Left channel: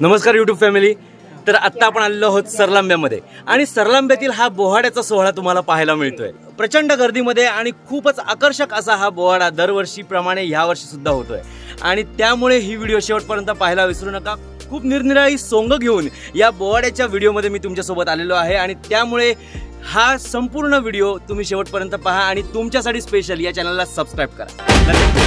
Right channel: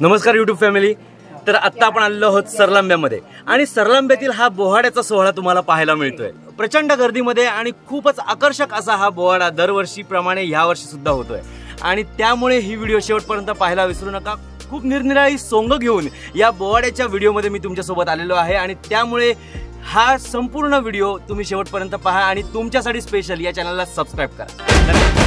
नमस्कार YouTube family. तर आत्ता आपण आलेलो आहोत सरलांब्यामध्ये आणि सरलांब्यातील हा बोहाड्याचा सोहळा तुम्हाला पाहायला मिळतोय प्रचंड गर्दीमध्ये आणि खूपच आकर्षक असा हा बोहाडा दरवर्षीप्रमाणे यावर्षी सुद्धा होतोय आणि त्यामुळे ही व्हिडिओ शेवटपर्यंत पाहायला विसरू नका। खूप निरनिराळी सोंग घेऊन या बोहाड्याच्या व्हिडिओमध्ये मी तुमच्यासोबत आलेलो आहे आणि त्यामुळे हा संपूर्ण व्हिडिओ तुम्ही शेवटपर्यंत पहा आणि तुमच्यासाठी स्पेशल या चॅनलला सबस्क्राइब करा।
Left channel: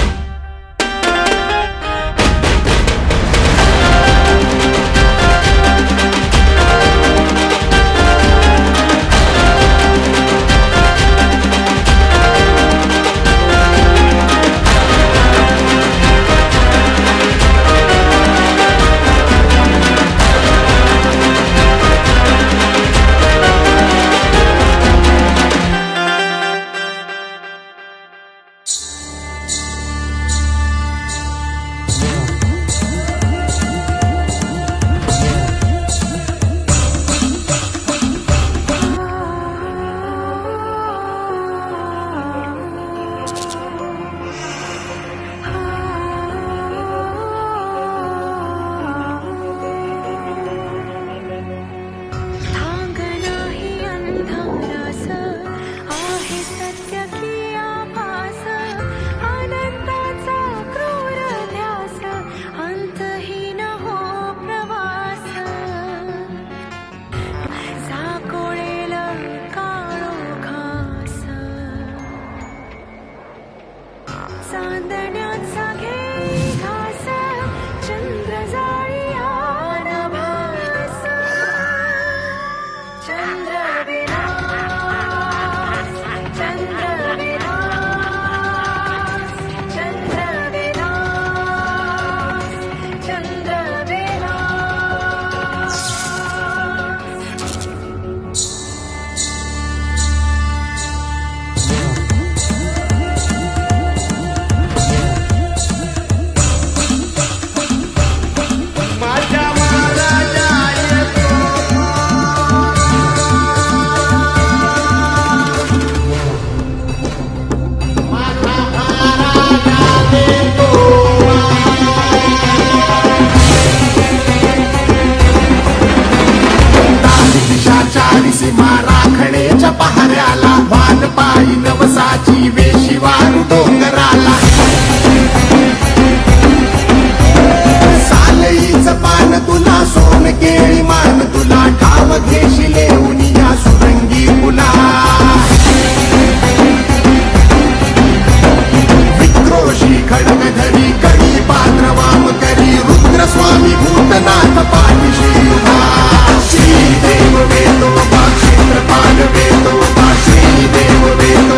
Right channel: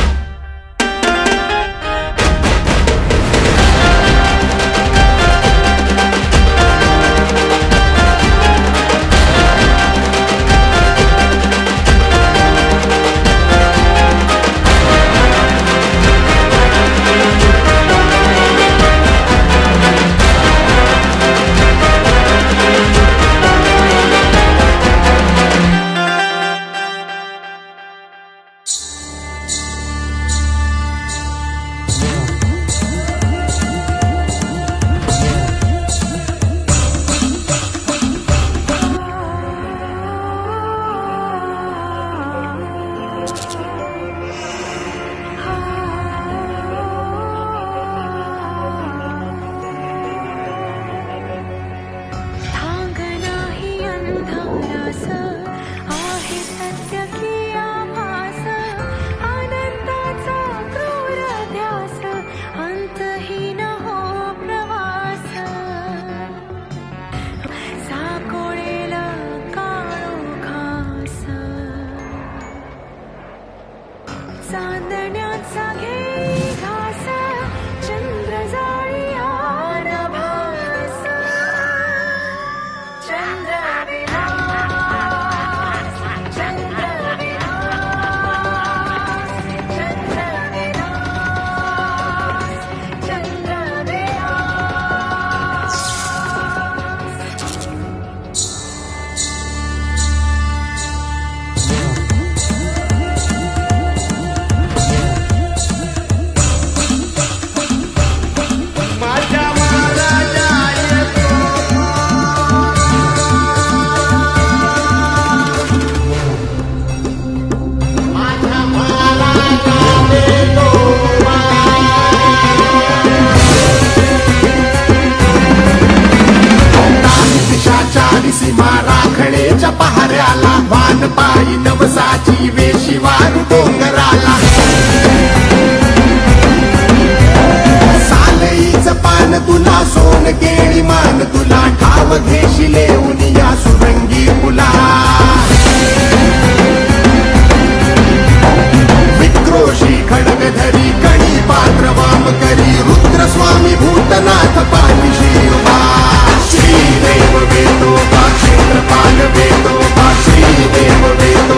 चांदण्याचा घेई घास चंद्र जाळी आनभास चंद्र राखडेच्या पहाऱ्याला वान पायी नवसाची वेशी वारू डोंगराला सालईच पान तुला सोन केळी मान तुला ठाव घेशी लेऊन या सुरंगी मुला विक्रोशी खडगधरी कणी पात्र वाम करी रुद्रस्वामी भूतनाथ पाठीशी उभा श्रीदेव वेदो क्षेत्रपाल वेदो श्रीदेव वेदो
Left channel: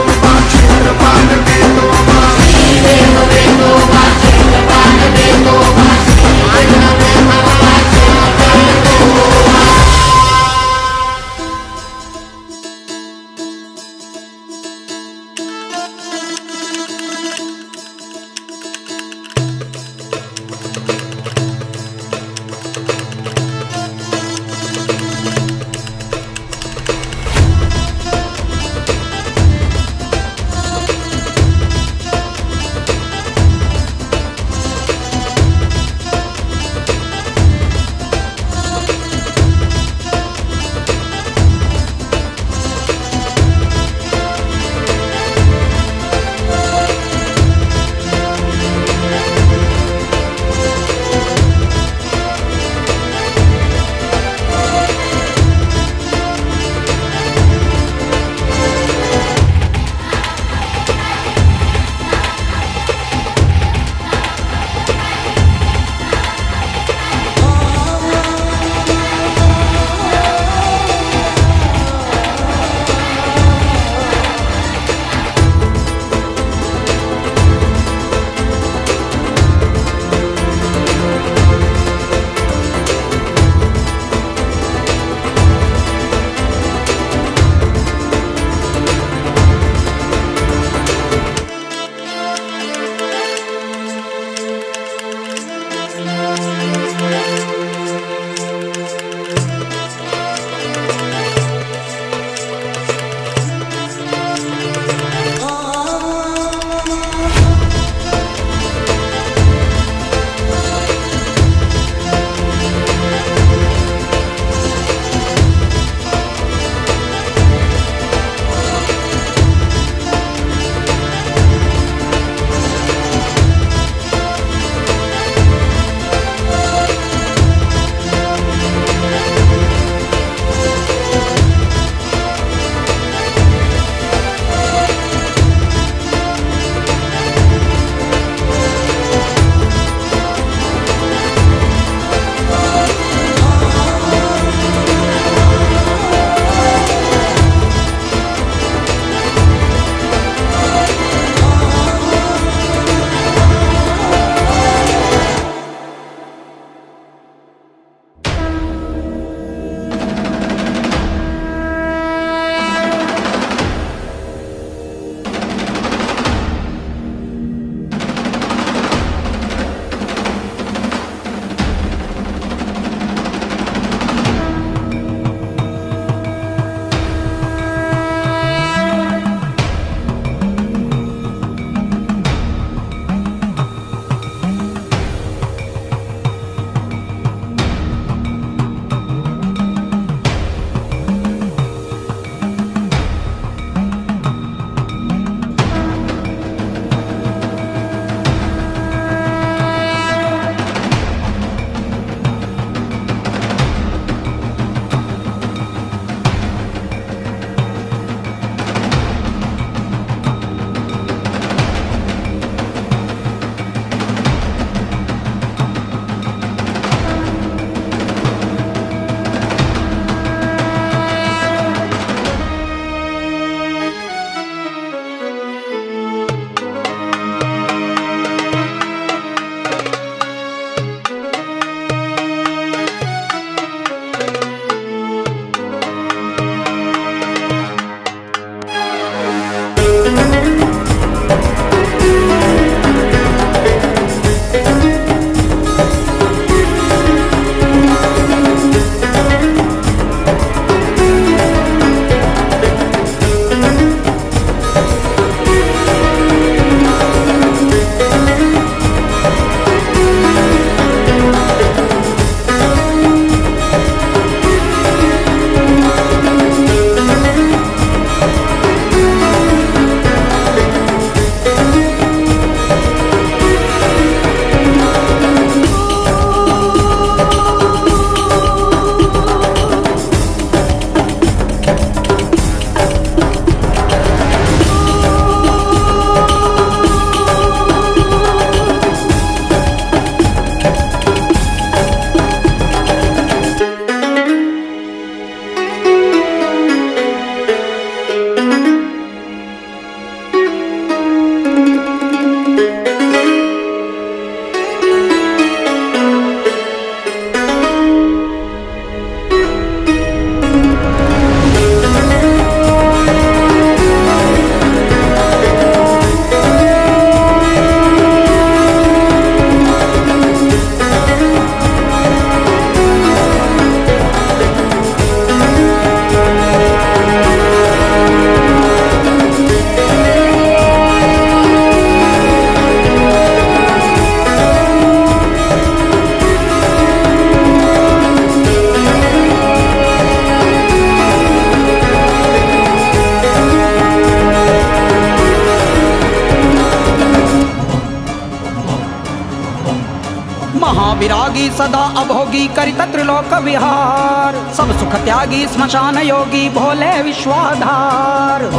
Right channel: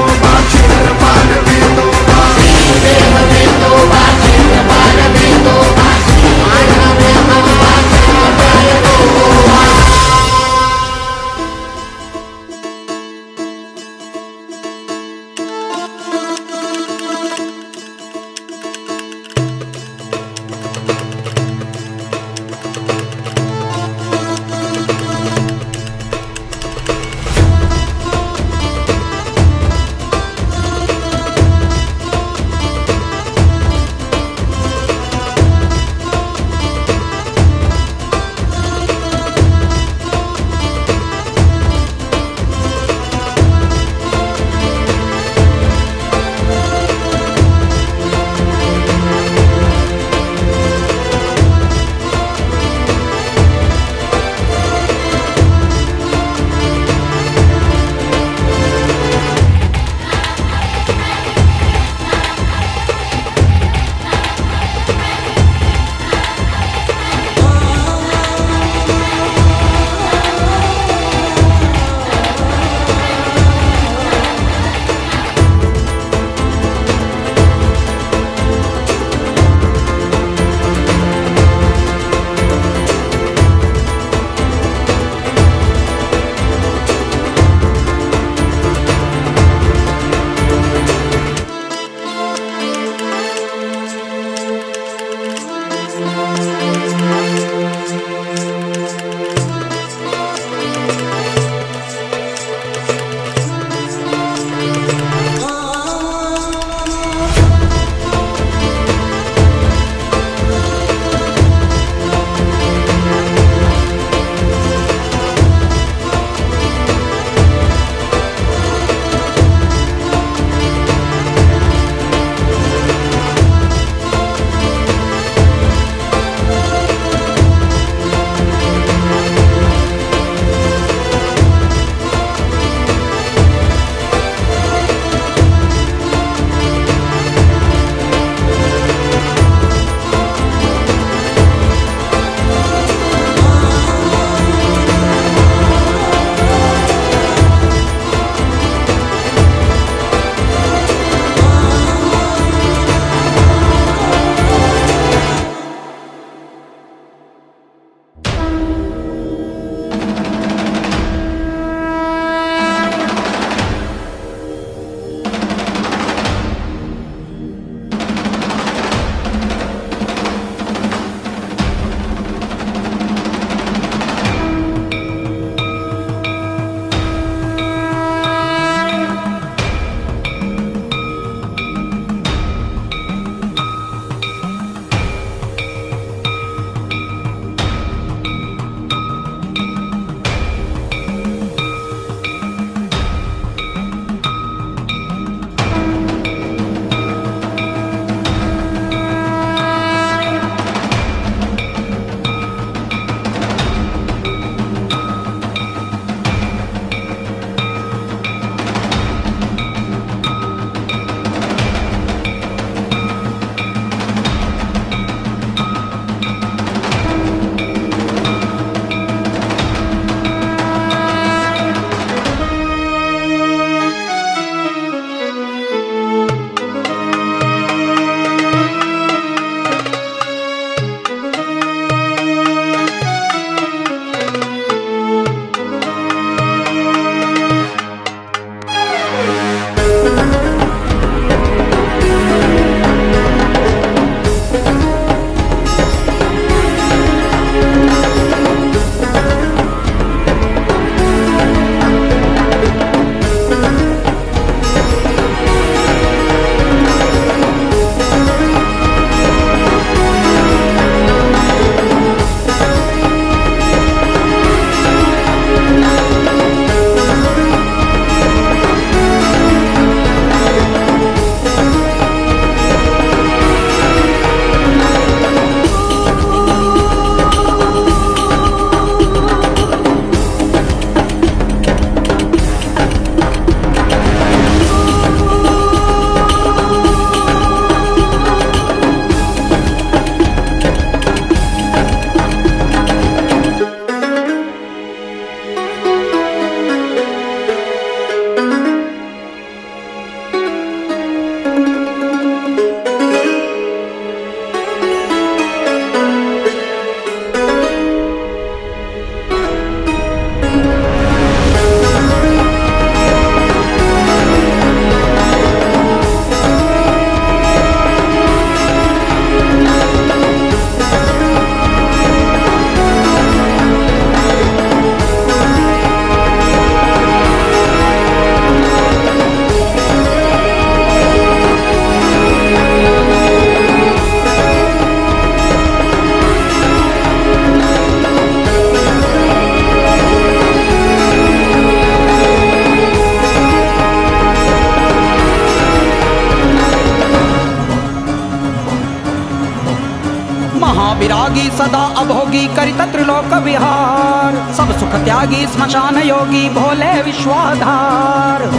महाविरागी सदा अभोगी करित त्रिलोक विहार, सब सुख त्यागी स्मशान योगी भोले विश्वाधार।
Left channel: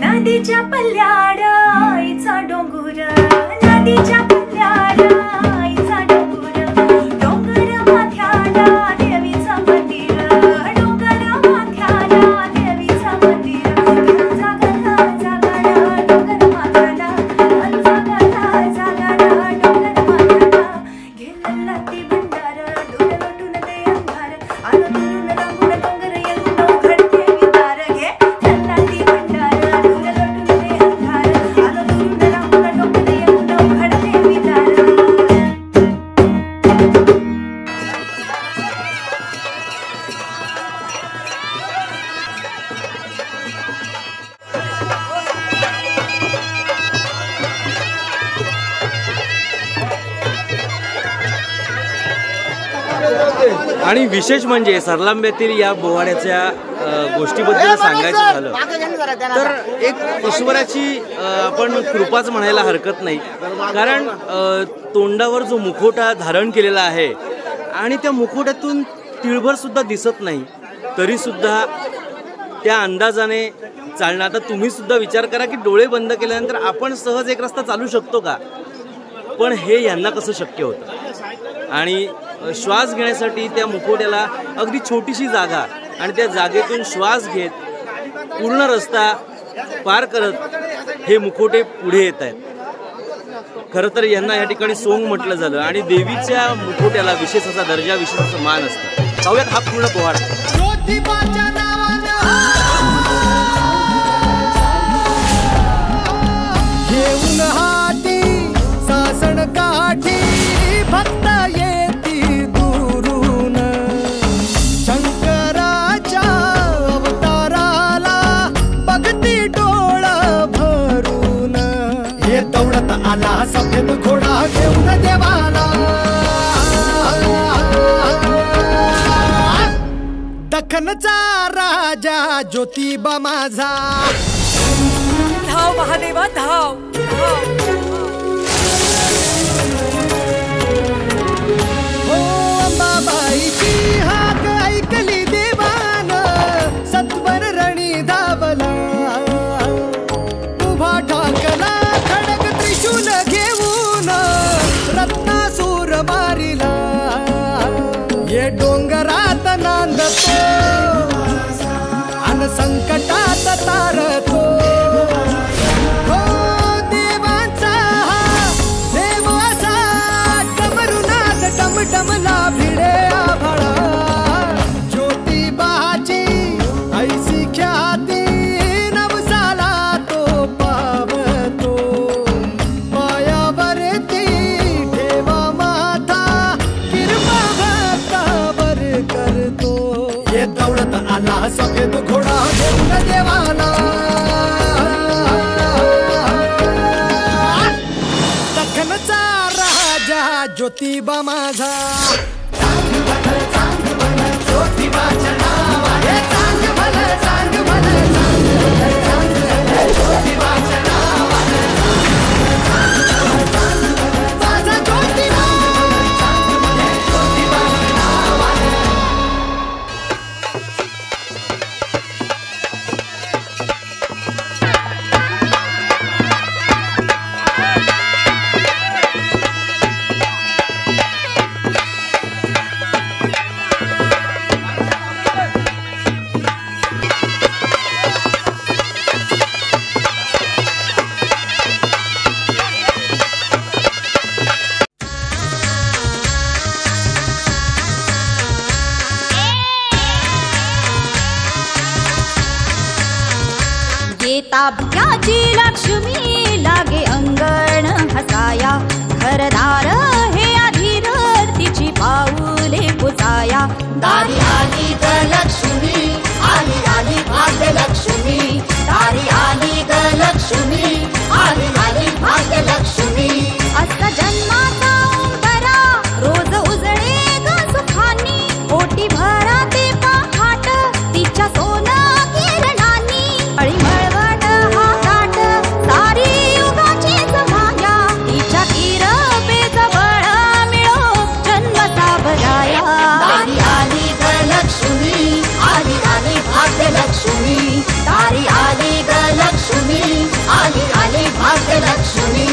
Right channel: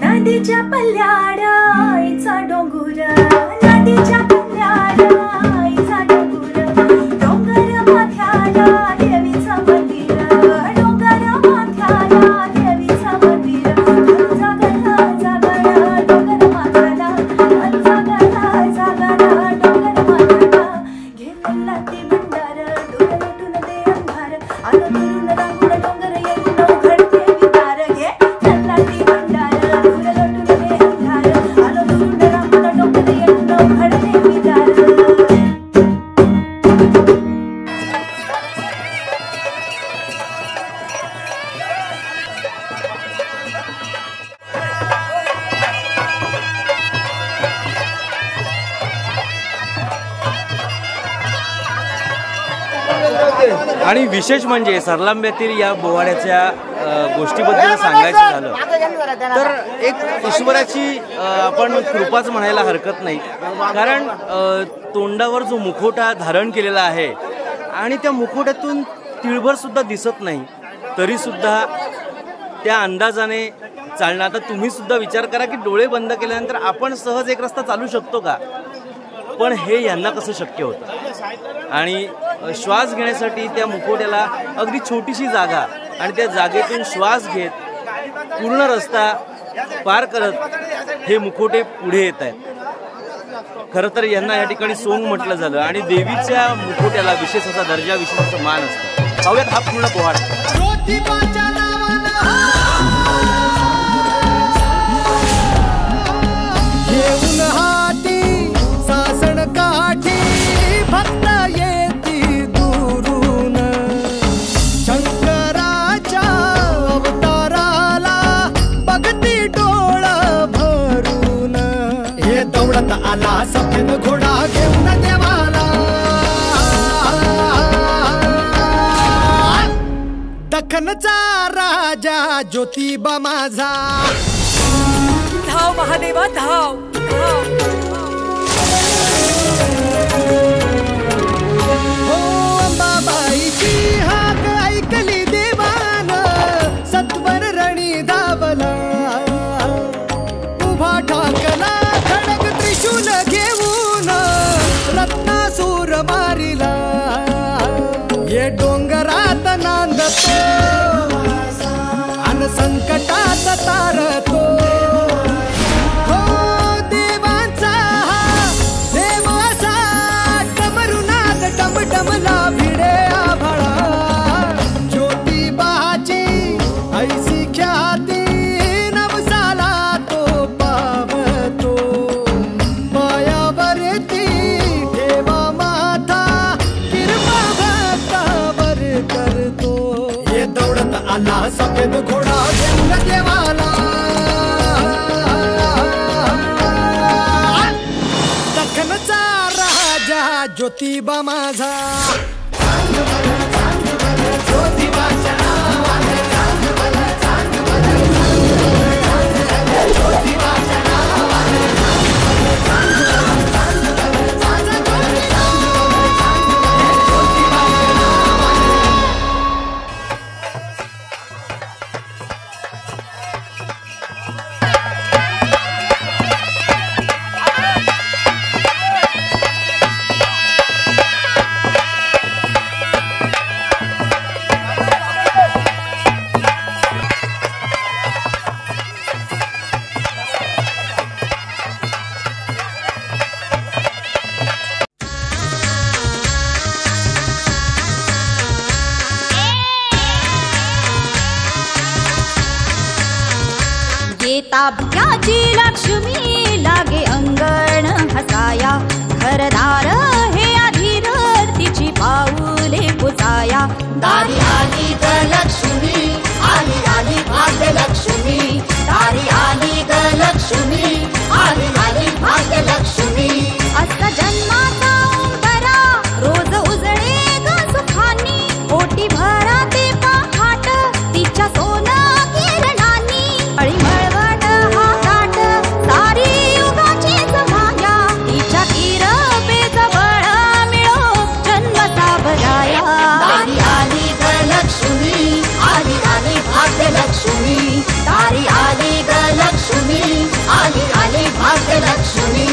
नदीच्या पल्ल्याड आईचा डोंगर, नदीच्या पल्ल्याड आईचा डोंगर, डोंगर माथ्याला देवीचं मंदिर, डोंगर माथ्याला देवीचं मंदिर, जागला जागला डोंगर माथ्याला, जागला जागला डोंगर माथ्याला, गेलेला ती भंडार डोळे लोटून दे अंधार, आलो दुरून रांगून डोंगर येऊन उघडते विदार, घे चला ती भंडार डोळे लोटून दे अंधार, आलो दुरून रांगून डोंगर येऊन उघडते विदार. आणि विशेष म्हणजे सरलांब्यातील या बोवाड्याच्या गोष्टीबद्दल सांगायचं झालं तर एक ईश्वराची आपण कृपाच म्हणायला हरकत नाही. कारण तोंडावर जो मुखवटा धारण केलेला आहे आणि त्या मुखवट्यातून तिळभर सुद्धा दिसत नाही, तरी सुद्धा त्या अंदाजाने चालणं. आता तुम्ही सुद्धा विचार करा की डोळे बंद केल्यानंतर आपण सहज एक रस्ता चालू शकतो का, पण हे यांना कसं शक्य होतं. आणि श्वास घेण्यासाठी त्या मुखवट्याला अगदी छोटीशी जागा आणि त्या जागेतून श्वास घेत पूर्ण रस्ता पार करत हे मुखवटे पुढे येत आहेत. खरं तर यांना या ठिकाणी सोंग म्हटलं झालं आणि देवीच्या मुखवट्याला विशेष असा दर्जा, विशेष असा मान असतं. पाहूयात हा पूर्ण पोवाडा. ज्योतिबाच्या नावानं घेऊन हाती दख्खनचा राजा ज्योतिबा माझा, धाव महादेवा धाव धाव. हो अंबाबाईची हाक ऐकली देवान, सत्वर रणी धावला, उभा ठाकला खडक त्रिशूल घेऊन, रत्नासूर मारिला. ये डोंगरात नांदतो अन संकटात तारतो. हो देवांचा देव असा डमरुनाद टमटमला भिडे आभाळा. ज्योतिबाची ऐसी ख्याती नवसाला तो पावतो. पायावरती ठेवा माथा किरपा भक्तावर करतो. ये दौडत आला सफेद घोडा घेऊन देवाला, दख्खनचा राजा ज्योतिबा माझा. ज्योतिबाच्या नावाने चांग भलं चांग भलं ज्योतिबाच्या नावाने माझा ज्योतिबा. ज्योतिबाच्या नावाने ताब्याची लक्ष्मी लागे अंगण हसाया. घरदार हे अधीर तिची पाऊले पुसाया. दारी आली ग लक्ष्मी, आली आली भाग्यलक्ष्मी. दारी आली ग लक्ष्मी, आली आली भाग्यलक्ष्मी. असा जन्माचा उंबरा रोज उजळे ग सुखानी. ओटी भरा ते पहाट तिच्या सोनं किरणानी. अळीमळवट हा काट सारी युगाचीच माया. तिच्या किरपेच बळ मिळो जन्म सावराया. दारी आली ग लक्ष्मी, आली आली भाग्यलक्ष्मी. दारी आली ग लक्ष्मी, आली आली भाग्यलक्ष्मी.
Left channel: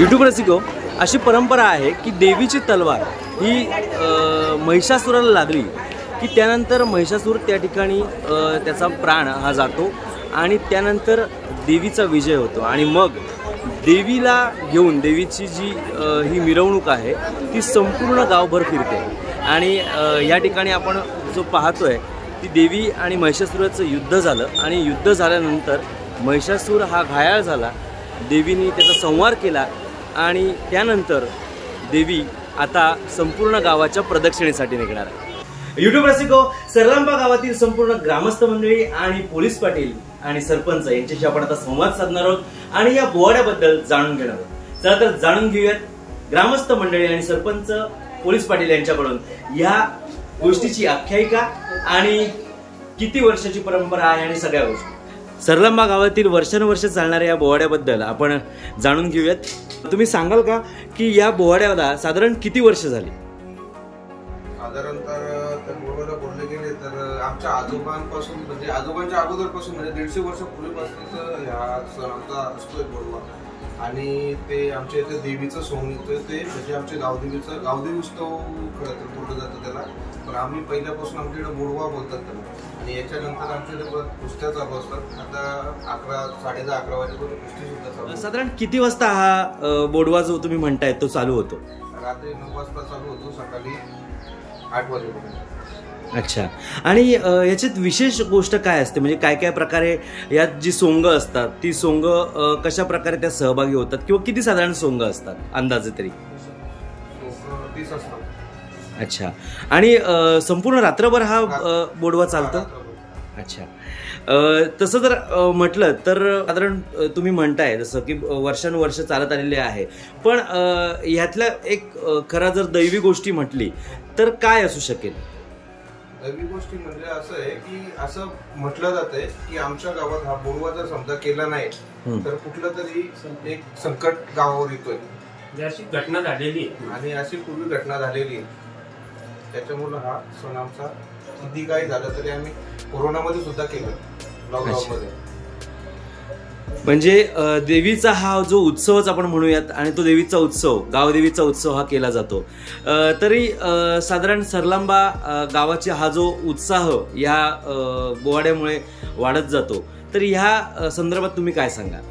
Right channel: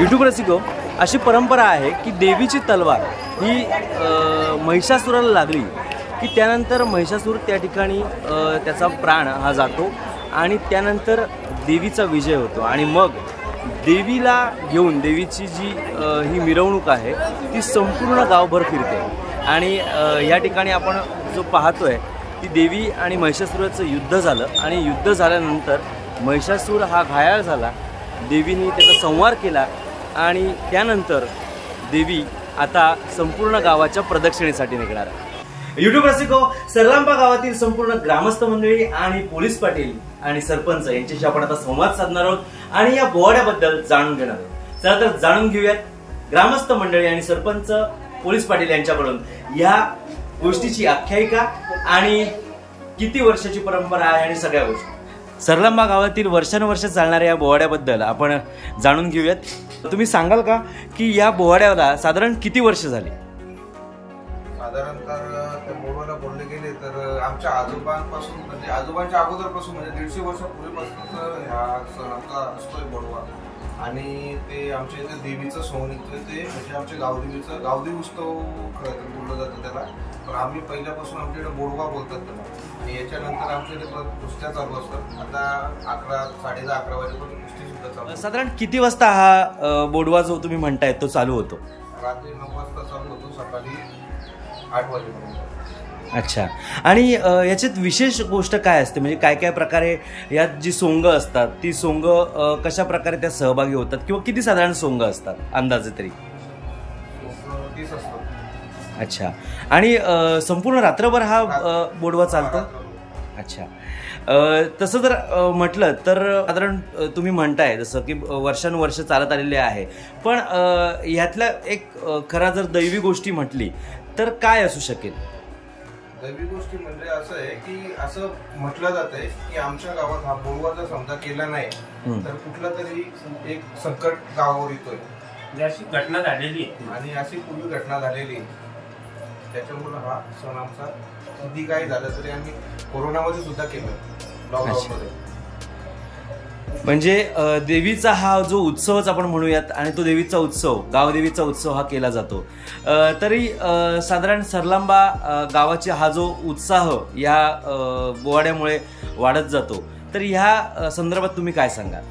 यूट्यूब रसिको, अशी परंपरा आहे की देवीची तलवार ही महिषासुराला लागली की त्यानंतर महिषासूर त्या ठिकाणी त्याचा प्राण हा जातो आणि त्यानंतर देवीचा विजय होतो आणि मग देवीला घेऊन देवीची जी ही मिरवणूक आहे ती संपूर्ण गावभर फिरते आणि या ठिकाणी आपण जो पाहतोय ती देवी आणि महिषासुराचं युद्ध झालं आणि युद्ध झाल्यानंतर महिषासूर हा घायाळ झाला, देवीने त्याचा संहार केला आणि त्यानंतर देवी आता संपूर्ण गावाच्या प्रदक्षिणेसाठी निघणार आहे। यूट्यूब रसिको, सरलांबा गावातील संपूर्ण ग्रामस्थ मंडळी आणि पोलीस पाटील आणि सरपंच यांच्याशी आपण आता संवाद साधणार आहोत आणि या बोवाड्याबद्दल जाणून घेणार आहोत। चला तर जाणून घेऊयात ग्रामस्थ मंडळी आणि सरपंच पोलीस पाटील यांच्याकडून या गोष्टीची आख्यायिका आणि किती वर्षाची परंपरा आहे आणि सगळ्या गोष्टी। सरलांबा गावातील वर्षानुवर्ष चालणाऱ्या या बोवाड्याबद्दल आपण जाणून घेऊयात। तुम्ही सांगाल का की या बोवाड्याला साधारण किती वर्ष झाली? साधारणतः त्या बोवाड्याला बोलले गेले तर आमच्या आजोबांपासून म्हणजे आजोबांच्या अगोदरपासून म्हणजे 150 वर्षापूर्वीपासून हा सण आमचा असतोय बोडवा आणि ते आमच्या इथे देवीचं सोहं निघतोय ते म्हणजे आमच्या गावदेवीचं गावदेवी उत्सव खरं तर बोललं जातं त्याला, पण आम्ही पहिल्यापासून आमच्याकडे बोडवा बोलतात त्याला। आणि याच्यानंतर आमच्या इथे कुस्त्या चालू असतात. आता 10:30-11:30 वाजेपर्यंत कुस्ती सुद्धा चालू असते. साधारण किती वाजता हा बोडवा जो तुम्ही म्हणताय तो चालू होतो? रात्री 9 वाजता चालू होतो, सकाळी 8 वाजेपर्यंत. अच्छा. आणि याच्यात विशेष गोष्ट काय असते, म्हणजे काय काय प्रकारे यात जी सोंग असतात ती सोंग कशा प्रकारे त्या सहभागी होतात, किंवा किती साधारण सोंग असतात अंदाजे तरी? 30 असतात. अच्छा. आणि संपूर्ण रात्रभर हा बोडवा चालतो? अच्छा. तसं जर म्हटलं तर साधारण तुम्ही म्हणताय जसं की वर्षानुवर्ष चालत आलेले आहे, पण ह्यातल्या एक खरा जर दैवी गोष्टी म्हटली तर काय असू शकेल? दैवी गोष्टी म्हणजे असं आहे की असं म्हटलं जातंय की आमच्या गावात हा बोडवा जर समजा केला नाही तर कुठलं तरी एक संकट गावावर येतोय, अशी घटना झालेली आणि अशी पूर्वी घटना झालेली. त्याच्यामुळे हा सण आमचा किती काही झालं तरी आम्ही कोरोनामध्ये सुद्धा केलं, लॉकडाऊन मध्ये. म्हणजे देवीचा हा जो उत्सवच आपण म्हणूयात, आणि तो देवीचा उत्सव, गावदेवीचा उत्सव हा केला जातो. तरी साधारण सरलांबा गावाचा हा जो उत्साह या बोवाड्यामुळे वाढत जातो, तर ह्या संदर्भात तुम्ही काय सांगाल?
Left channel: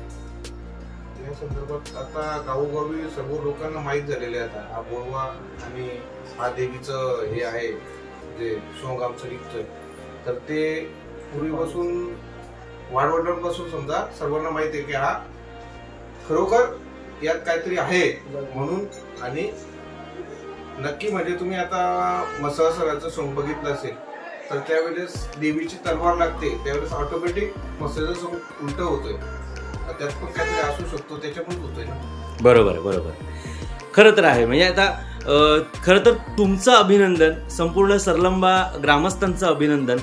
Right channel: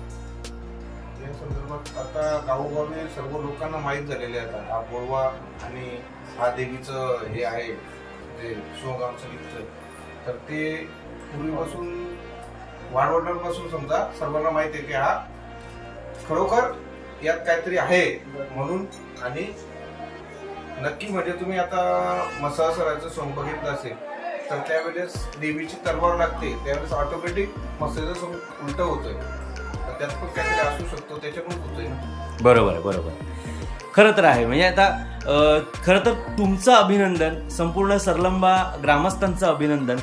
या संदर्भात आता गावोगावी सर्व लोकांना माहीत झालेले आता हा बोडवा आणि हा देवीचं हे आहे जे सोंग आमचं निघतंय, तर ते पूर्वीपासून वाडवडिलांपासून समजा सर्वांना माहिती आहे की हा खरोखर यात काहीतरी आहे म्हणून. आणि नक्की म्हणजे तुम्ही आता मसासराचं सोंग बघितलं असेल तर त्यावेळेस देवीची तलवार लागते, त्यावेळेस ऑटोमॅटिक मसाचं सोंग उलट होतोय, तर त्यात पण काहीतरी असू शकतो, त्याच्यामुळेच होतोय ना. बरोबर बरोबर. खरं तर आहे. म्हणजे आता खरं तर तुमचं अभिनंदन, संपूर्ण सरलंबा ग्रामस्थांचं अभिनंदन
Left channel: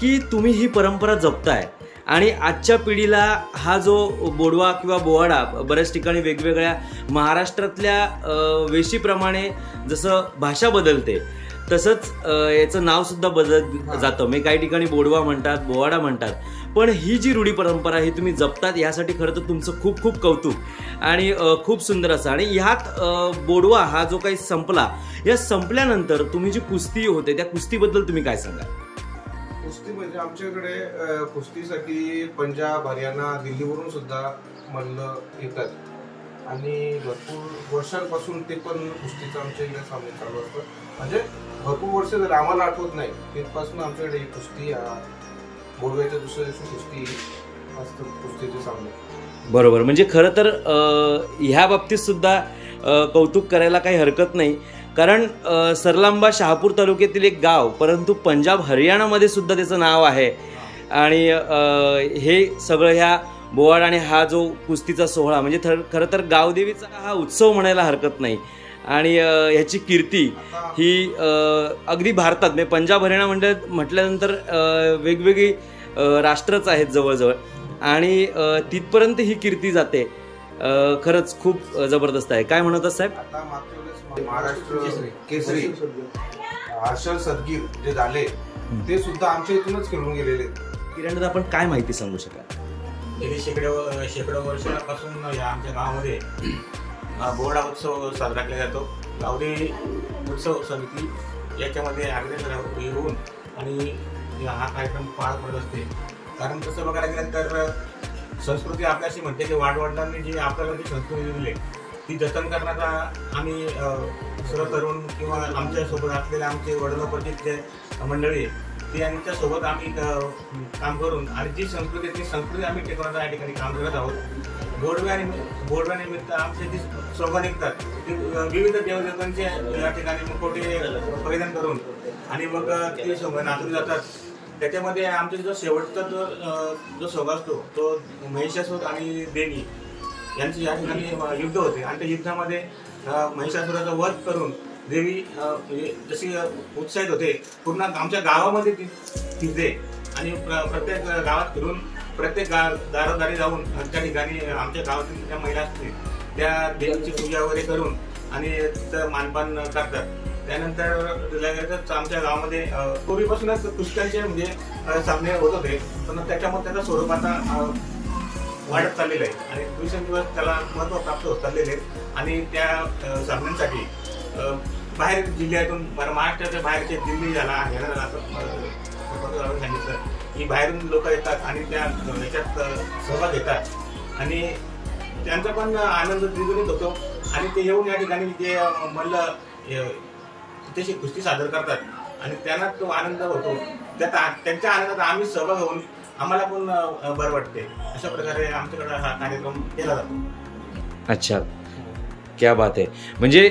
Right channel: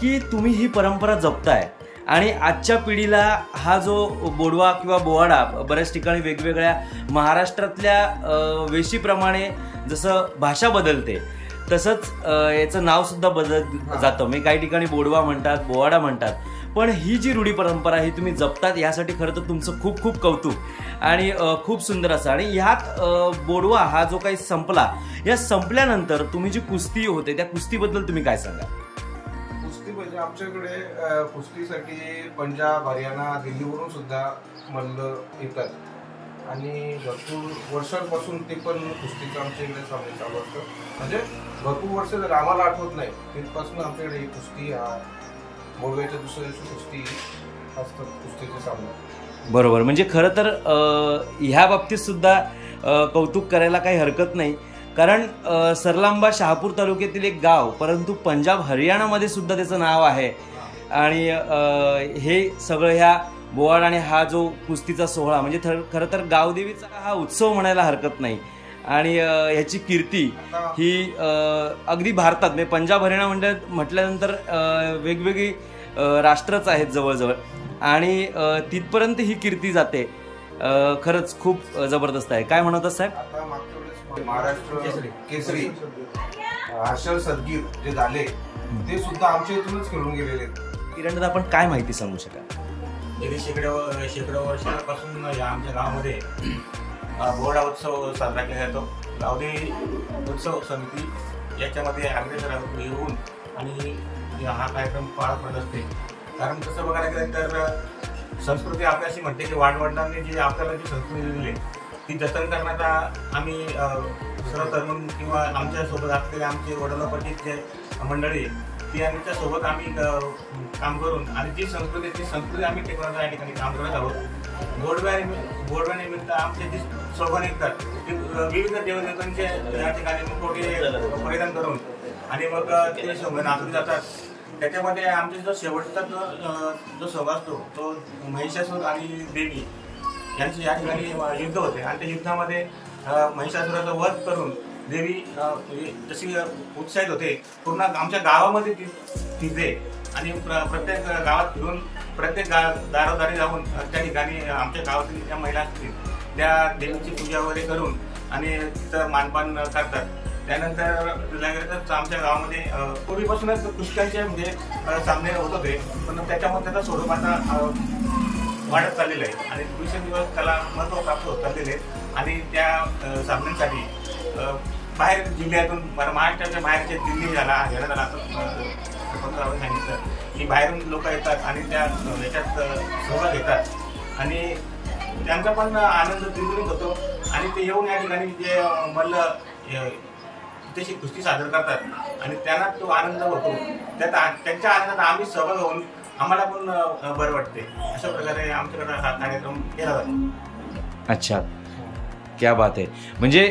की तुम्ही ही परंपरा जपताय, आणि आजच्या पिढीला हा जो बोडवा किंवा बोवाडा बऱ्याच ठिकाणी वेगवेगळ्या महाराष्ट्रातल्या वेशीप्रमाणे जसं भाषा बदलते तसंच याचं नावसुद्धा बदलत जातं. म्हणजे काही ठिकाणी बोडवा म्हणतात, बोवाडा म्हणतात, पण ही जी रूढी परंपरा ही तुम्ही जपतात यासाठी खरं तर तुमचं खूप खूप कौतुक, आणि खूप सुंदर असं. आणि ह्यात बोडवा हा जो काही संपला, या संपल्यानंतर तुम्ही जी कुस्ती होते त्या कुस्तीबद्दल तुम्ही काय सांगा? कुस्ती म्हणजे आमच्याकडे कुस्तीसाठी पंजाब, हरियाणा, दिल्लीवरून सुद्धा मल्ल येतात, आणि भरपूर वर्षांपासून ते पण कुस्तीचं आमच्या इकडे सामने चालू असतात. म्हणजे भरपूर वर्ष झाले, आम्हाला आठवत नाही तिथपासून आमच्याकडे ही कुस्ती, बोडव्याच्या दुसऱ्या दिवशी कुस्ती असतात, कुस्तीचे सामने. बरोबर. म्हणजे खरं तर ह्या बाबतीत सुद्धा कौतुक करायला काही हरकत नाही, कारण सरलांबा शहापूर तालुक्यातील एक गाव, परंतु पंजाब हरियाणामध्ये सुद्धा त्याचं नाव आहे. आणि हे सगळं ह्या बोवाड आणि हा जो कुस्तीचा सोहळा म्हणजे खरं तर गावदेवीचा हा उत्सव म्हणायला हरकत नाही. आणि ह्याची कीर्ती ही अगदी भारतात, म्हणजे पंजाब हरियाणा म्हटल्यानंतर वेगवेगळी राष्ट्रच आहेत जवळजवळ, आणि तिथपर्यंत ही कीर्ती जाते. खरंच खूप जबरदस्त आहे. काय म्हणत साहेब? आता मागच्या वेळेस महाराष्ट्र केसरी हर्षल सदगीर जे झाले ते सुद्धा आमच्या इथूनच खेळून गेलेले. किरण, आपण काय माहिती सांगू शकाल? गेली शेकडो वर्षापासून या आमच्या गावामध्ये बोवाडा उत्सव साजरा केला जातो. गावदेवी उत्सव समिती याच्यामध्ये अग्रेसर येऊन आणि हा कार्यक्रम पार पडत असते. कारण तसं बघायला गेलं तर संस्कृती आपल्याशी म्हणते की वाडवडिलांनी जी आपल्याला जी संस्कृती दिली ती जतन करण्याचा आम्ही सर्व तरुण किंवा आमच्यासोबत असलेले आमचे वडिलोपार्जित जे मंडळी ती यांच्यासोबत आम्ही काम करून आणि जी संस्कृती आम्ही टिकवण्याच्या या ठिकाणी काम करत आहोत. बोडव्यानिमित्त आमचे जी सोबत निघतात ते विविध देवदेवतांचे या ठिकाणी मुखवटे परिधान करून आणि मग ते सोबत नाचवले जातात. त्याच्यामध्ये आमचा जो शेवटचा जो सोहळा असतो तो महिषासूर आणि देवी यांचे या ठिकाणी युद्ध होते आणि त्या युद्धामध्ये महिषासुराचा वध करून देवी म्हणजे जशी उत्साहित होते पूर्ण आमच्या गावामध्ये तिथे आणि प्रत्येक गावात फिरून प्रत्येक दारोदारी जाऊन त्या ठिकाणी आमच्या गावातील ज्या महिला असतील त्या देवीची पूजा वगैरे करून आणि तिथं मानपान करतात. त्यानंतर आमच्या गावामध्ये पूर्वीपासूनच कुस्त्यांचे म्हणजे सामने होत होते, पण त्याच्यामध्ये त्याचा स्वरूप आता वाढत चाललेलं आहे आणि दिवसेंदिवस त्याला महत्त्व प्राप्त होत चाललेले आहेत. आणि त्या सामन्यांसाठी बाहेर जिल्ह्यातून महाराष्ट्राच्या बाहेरचे दिल्ली झाला हरियाणा झाला आपण सांगितलं की बाहेरून लोक येतात आणि त्या याच्यात सहभाग घेतात आणि त्यांचा पण आनंद द्विगुणित होतो आणि ते येऊन या ठिकाणी जे मल्ल त्याची कुस्ती सादर करतात आणि त्यांना तो आनंद होतो. त्यांच्या आनंदात आम्ही सहभाग होऊन आम्हाला पण बरं वाटते. अशा प्रकारे आमच्याकडे हा कार्यक्रम केला जातो. अच्छा, क्या बात आहे. म्हणजे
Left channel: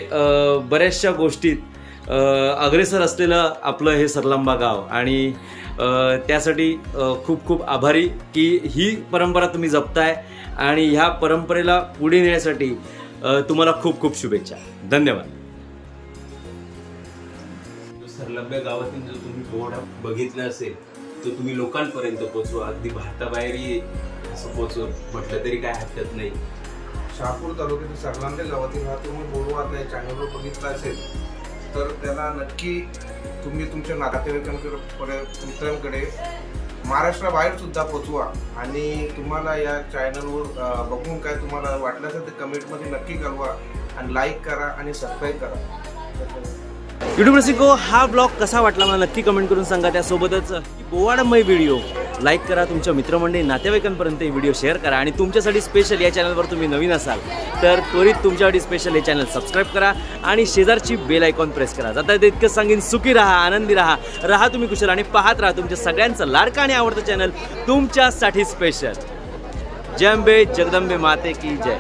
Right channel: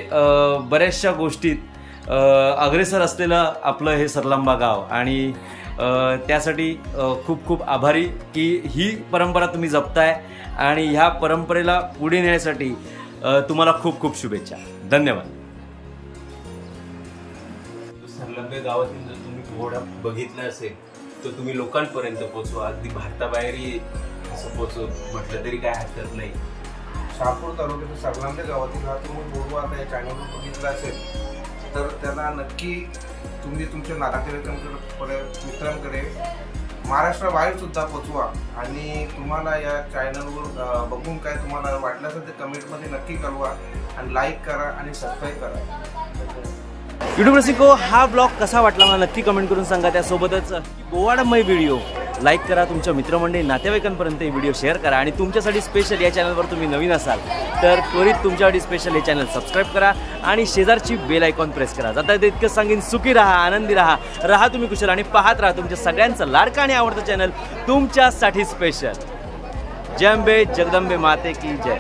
बऱ्याचशा गोष्टीत अग्रेसर असलेलं आपलं हे सरलांबा गाव आणि त्यासाठी खूप खूप आभारी की ही परंपरा तुम्ही जपताय आणि ह्या परंपरेला पुढे नेण्यासाठी तुम्हाला खूप खूप शुभेच्छा. धन्यवाद. सरलंब्या गावातील जो तुम्ही पोवाडा बघितला असेल तो तुम्ही लोकांपर्यंत पोचवा. अगदी भारताबाहेरही असं पोचव म्हटलं तरी काय हरकत नाही. शहापूर तालुक्यातील सरलांब्या गावातील हा तुम्ही बोलवा त्या चॅनलवर बघितला असेल तर त्याला नक्की तुम्ही तुमच्या नातेवाईकांकडे मित्रांकडे महाराष्ट्राबाहेर सुद्धा पोचवा आणि तुम्हाला या चॅनलवर बघून काय तुम्हाला वाटलं असेल तर कमेंटमध्ये नक्की कळवा आणि लाईक करा आणि सबस्क्राईब करा. युट्यूब रसिको, हा ब्लॉग कसा वाटला मला नक्की कमेंट करून सांगा. त्यासोबतच बोवाडामय व्हिडिओ लाईक करा, तुमच्या मित्रमंडळी नातेवाईकांपर्यंत व्हिडिओ शेअर करा आणि तुमच्यासाठी स्पेशल या चॅनलवर तुम्ही नवीन असाल तर त्वरित तुमच्यासाठी स्पेशल हे चॅनल सबस्क्राईब करा आणि शेजारची बेल आयकॉन प्रेस करा. आता इतकंच सांगेन, सुखी राहा, आनंदी राहा तुम्ही कुशल आणि पाहत राहा तुमच्या सगळ्यांचं लाडकं आणि आवडतं चॅनल तुमच्यासाठी स्पेशल. जय अंबे जगदंबे माते की जय.